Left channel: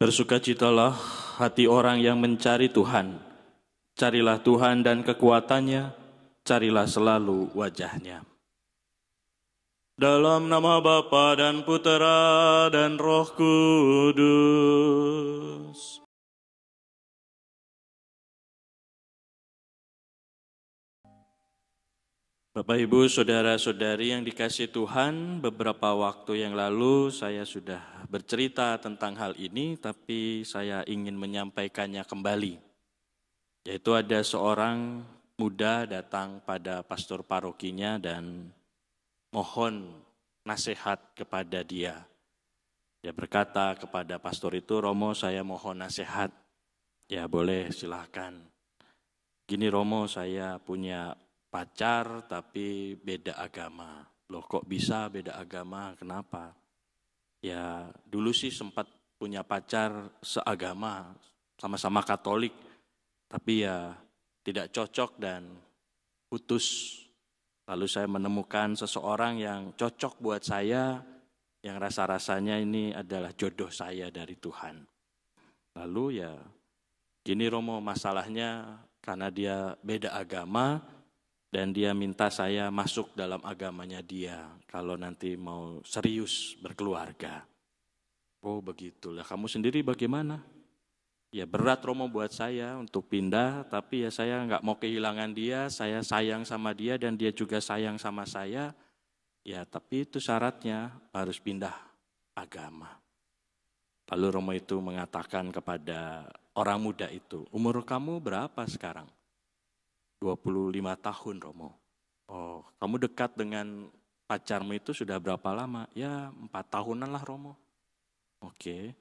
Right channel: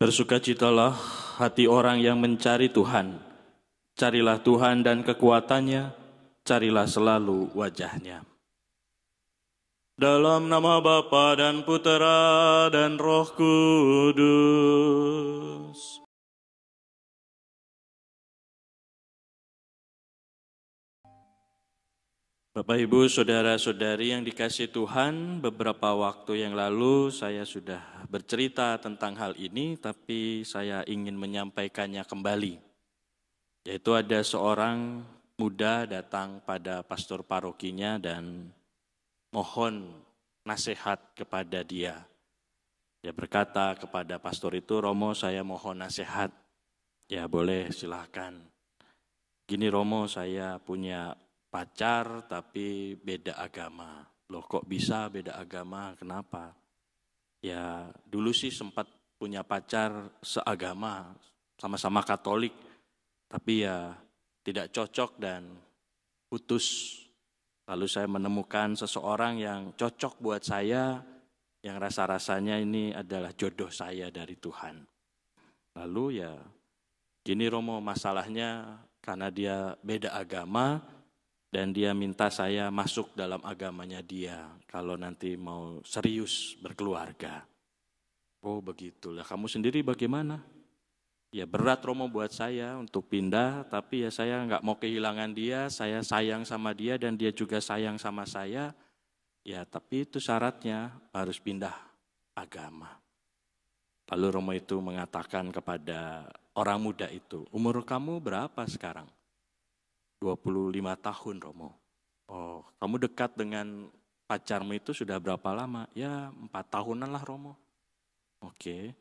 Bersukacitalah hati orang yang mencari Tuhan. Carilah Tuhan dan kekuatannya, carilah selalu wajahnya. Dalam nama Bapa dan Putera dan Roh Kudus. Bapak, Ibu, Saudara-saudari yang dikasihi Tuhan, beberapa waktu yang lalu saya sudah bercerita tentang hal ini, tapi saya ingin menyampaikannya kembali. Yaitu ada seorang muda datang pada pastor parokinya dan mohon nasihat kepada dia. Dia berkata kepada pastor itu, "Romo, saya mohon nasihat." "Ya boleh, silakan." "Gini Romo, saya punya pacar tapi beda agama." "Loh kok bisa beda agama? Kenapa?" "Ya dulu sih sempat punya pacar seagama, sama-sama Katolik, tapi ya tidak cocok dan putus. Lalu saya menemukan seseorang yang cocok buat saya, yang rasa-rasanya ini adalah jodoh saya dari Tuhan. Lalu ya gini Romo, masalahnya karena dia beda agama, dan dia minta saya masuk dalam agamanya dia kalau nanti mau serius berkeluarga." "Oh begitu, ya kamu sendiri bagaimana?" "Ya berat Romo buat saya untuk pindah, tapi ya saya nggak mau kehilangan dia, saya sayang sama dia dan dia juga sayang sama saya. Ya tapi itu syaratnya, harus pindah agama." Lalu Romo itu mengatakan kepada orang muda itu, "Umur kamu berapa sekarang?" 25 tahun Romo. "Oh, kamu dekat dengan pacarmu itu sudah berapa lama?" "Ya 4 tahunan lah Romo." "Oke,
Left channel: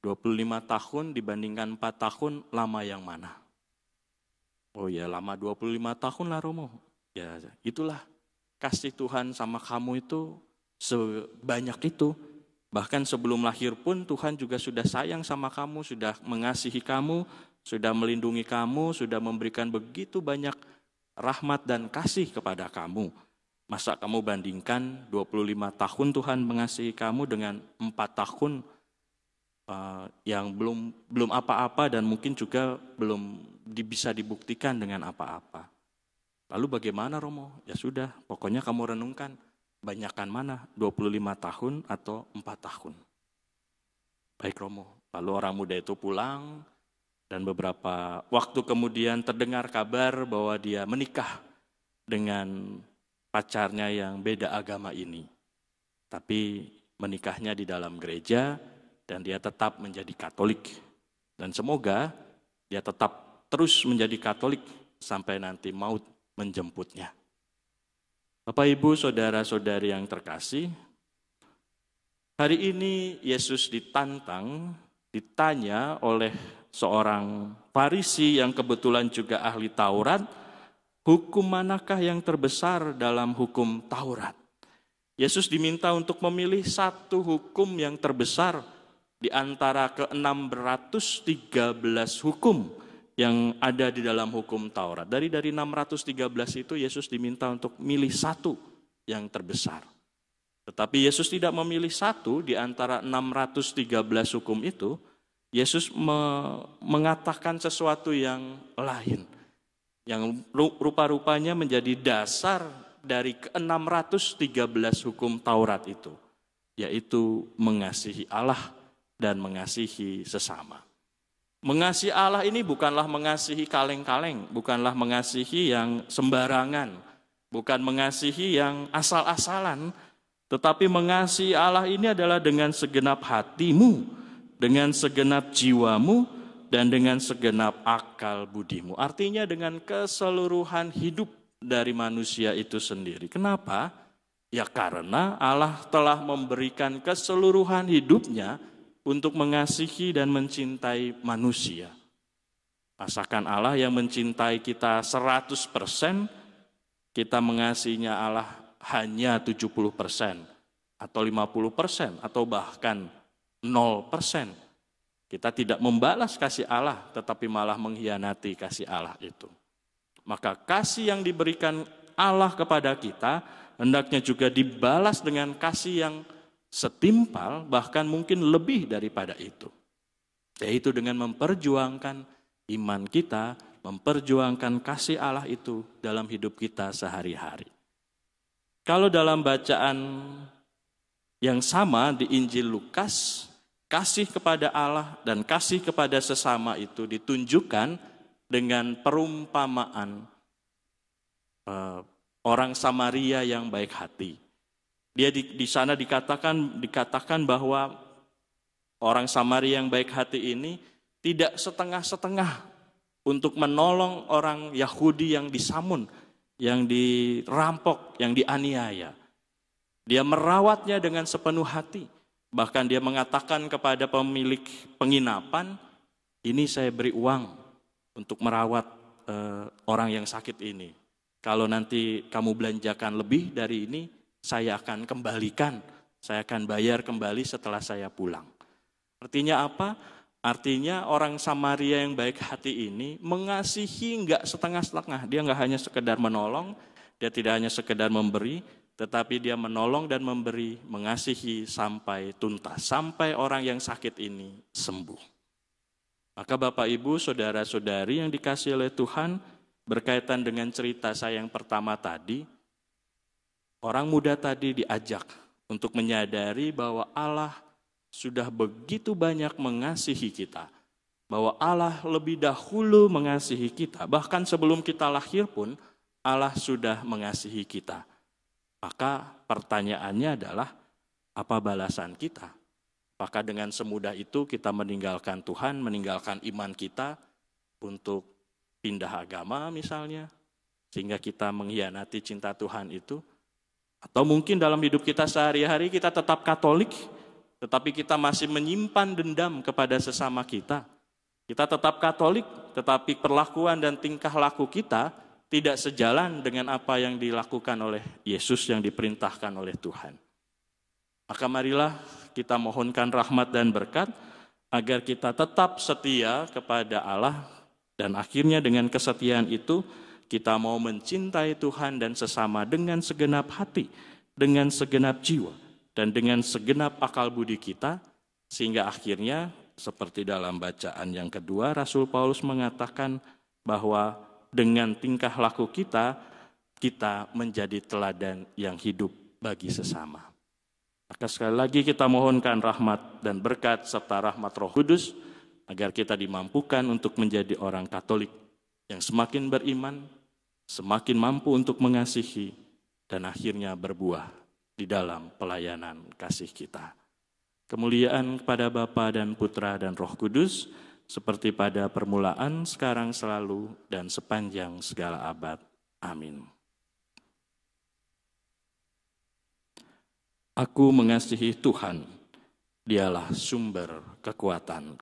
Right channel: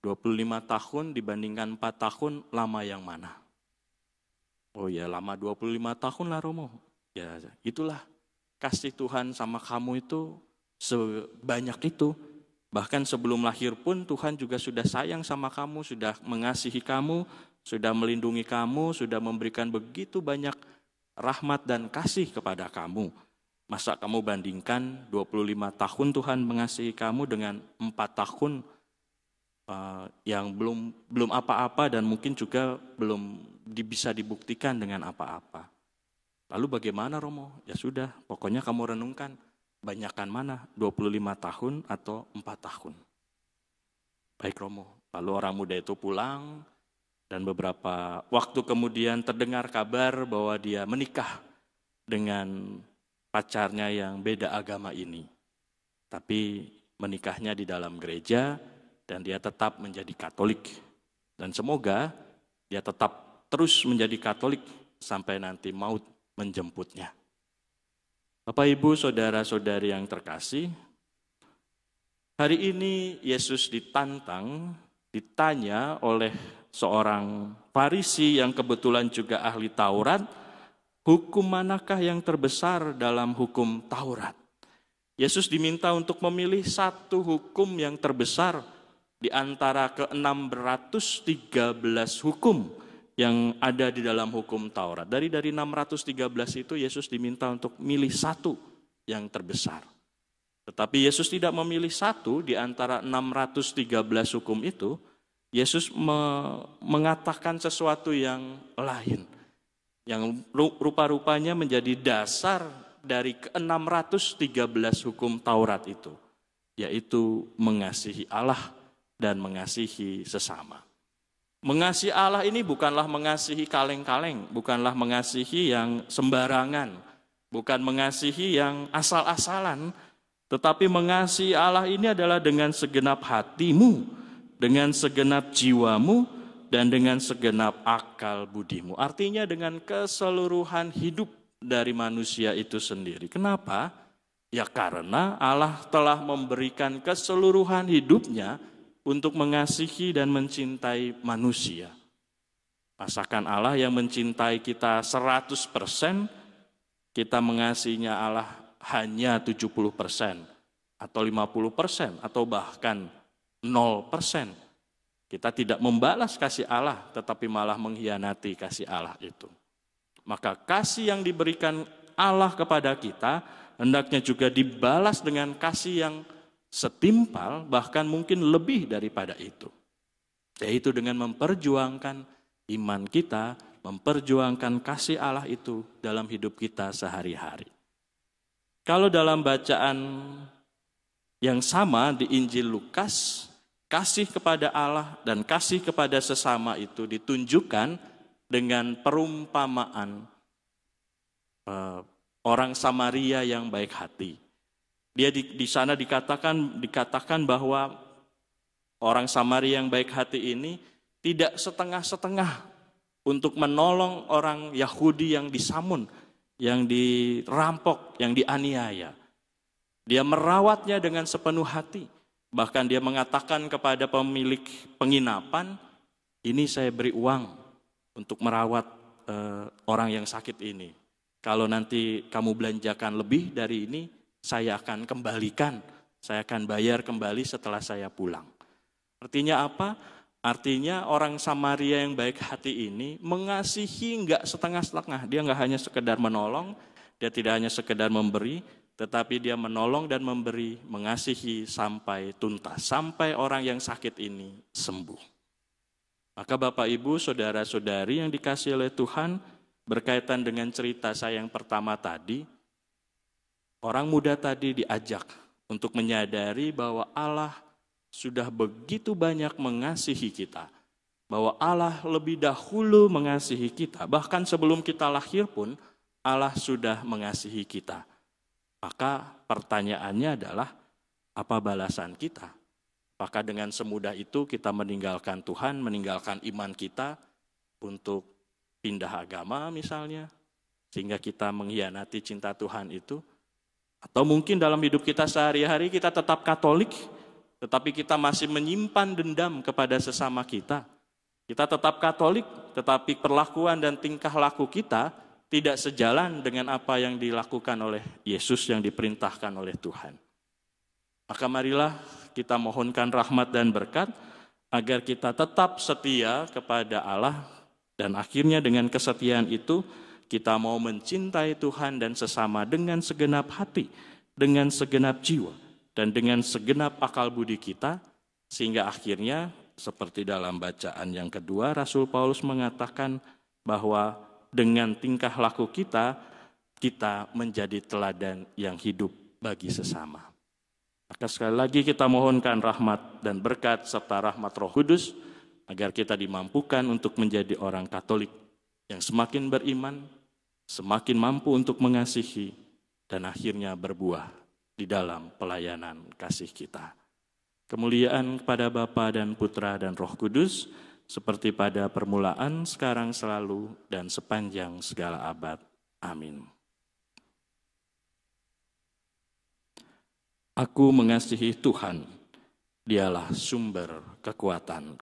25 tahun dibandingkan 4 tahun, lama yang mana?" "Oh ya lama 25 tahun lah Romo." "Ya itulah kasih Tuhan sama kamu itu sebanyak itu. Bahkan sebelum lahir pun Tuhan juga sudah sayang sama kamu, sudah mengasihi kamu, sudah melindungi kamu, sudah memberikan begitu banyak rahmat dan kasih kepada kamu. Masa kamu bandingkan 25 tahun Tuhan mengasihi kamu dengan 4 tahun yang belum apa-apa dan mungkin juga belum bisa dibuktikan dengan apa-apa. Lalu bagaimana Romo?" "Ya sudah, pokoknya kamu renungkan, banyakan mana, 25 tahun atau 4 tahun?" "Baik Romo." Lalu orang muda itu pulang. Dan beberapa waktu kemudian terdengar kabar bahwa dia menikah dengan pacarnya yang beda agama ini. Tapi menikahnya di dalam gereja dan dia tetap menjadi Katolik. Dan semoga dia tetap terus menjadi Katolik sampai nanti maut menjemputnya. Bapak, Ibu, Saudara-saudari yang terkasih, hari ini Yesus ditanya oleh seorang Farisi yang kebetulan juga ahli Taurat, hukum manakah yang terbesar dalam hukum Taurat? Yesus diminta untuk memilih satu hukum yang terbesar di antara ke-613 hukum yang ada di dalam hukum Taurat. Dari 613 itu Yesus diminta untuk milih satu yang terbesar. Tetapi Yesus tidak memilih satu di antara 613 hukum itu. Yesus mengatakan sesuatu yang lain, yang rupa-rupanya menjadi dasar dari ke-613 hukum Taurat itu, yaitu mengasihi Allah dan mengasihi sesama. Mengasihi Allah ini bukanlah mengasihi kaleng-kaleng, bukanlah mengasihi yang sembarangan, bukan mengasihi yang asal-asalan, tetapi mengasihi Allah ini adalah dengan segenap hatimu, dengan segenap jiwamu, dan dengan segenap akal budimu. Artinya dengan keseluruhan hidup dari manusia itu sendiri. Kenapa? Ya karena Allah telah memberikan keseluruhan hidupnya untuk mengasihi dan mencintai manusia. Masakan Allah yang mencintai kita 100%, kita mengasihinya Allah hanya 70%, atau 50%, atau bahkan 0%. Kita tidak membalas kasih Allah, tetapi malah mengkhianati kasih Allah itu. Maka kasih yang diberikan Allah kepada kita hendaknya juga dibalas dengan kasih yang setimpal, bahkan mungkin lebih daripada itu. yaitu dengan memperjuangkan iman kita, memperjuangkan kasih Allah itu dalam hidup kita sehari-hari. Kalau dalam bacaan yang sama di Injil Lukas, kasih kepada Allah dan kasih kepada sesama itu ditunjukkan dengan perumpamaan orang Samaria yang baik hati. Dia di sana dikatakan bahwa orang Samaria yang baik hati ini tidak setengah-setengah untuk menolong orang Yahudi yang disamun, yang dirampok, yang dianiaya. Dia merawatnya dengan sepenuh hati. Bahkan dia mengatakan kepada pemilik penginapan, ini saya beri uang untuk merawat orang yang sakit ini. Kalau nanti kamu belanjakan lebih dari ini, saya akan kembalikan. Saya akan bayar kembali setelah saya pulang. Artinya apa? Artinya orang Samaria yang baik hati ini mengasihi enggak setengah-setengah. Dia enggak hanya sekedar menolong, dia tidak hanya sekedar memberi, tetapi dia menolong dan memberi, mengasihi sampai tuntas, sampai orang yang sakit ini sembuh. Maka Bapak Ibu, saudara-saudari yang dikasihi oleh Tuhan, berkaitan dengan cerita saya yang pertama tadi, orang muda tadi diajak untuk menyadari bahwa Allah sudah begitu banyak mengasihi kita, bahwa Allah lebih dahulu mengasihi kita, bahkan sebelum kita lahir pun Allah sudah mengasihi kita. Maka pertanyaannya adalah, apa balasan kita? Apakah dengan semudah itu kita meninggalkan Tuhan, meninggalkan iman kita untuk pindah agama misalnya, sehingga kita mengkhianati cinta Tuhan itu? Atau mungkin dalam hidup kita sehari-hari kita tetap Katolik, tetapi kita masih menyimpan dendam kepada sesama kita. Kita tetap Katolik, tetapi perlakuan dan tingkah laku kita tidak sejalan dengan apa yang dilakukan oleh Yesus yang diperintahkan oleh Tuhan. Maka marilah kita mohonkan rahmat dan berkat agar kita tetap setia kepada Allah, dan akhirnya dengan kesetiaan itu kita mau mencintai Tuhan dan sesama dengan segenap hati, dengan segenap jiwa, dan dengan segenap akal budi kita, sehingga akhirnya seperti dalam bacaan yang kedua, Rasul Paulus mengatakan bahwa dengan tingkah laku kita, kita menjadi teladan yang hidup bagi sesama. Maka sekali lagi kita mohonkan rahmat dan berkat serta rahmat Roh Kudus, agar kita dimampukan untuk menjadi orang Katolik yang semakin beriman, semakin mampu untuk mengasihi, dan akhirnya berbuah di dalam pelayanan kasih kita. Kemuliaan kepada Bapa dan Putra dan Roh Kudus, seperti pada permulaan, sekarang, selalu, dan sepanjang segala abad. Amin. Aku mengasihi Tuhan, Dialah sumber kekuatan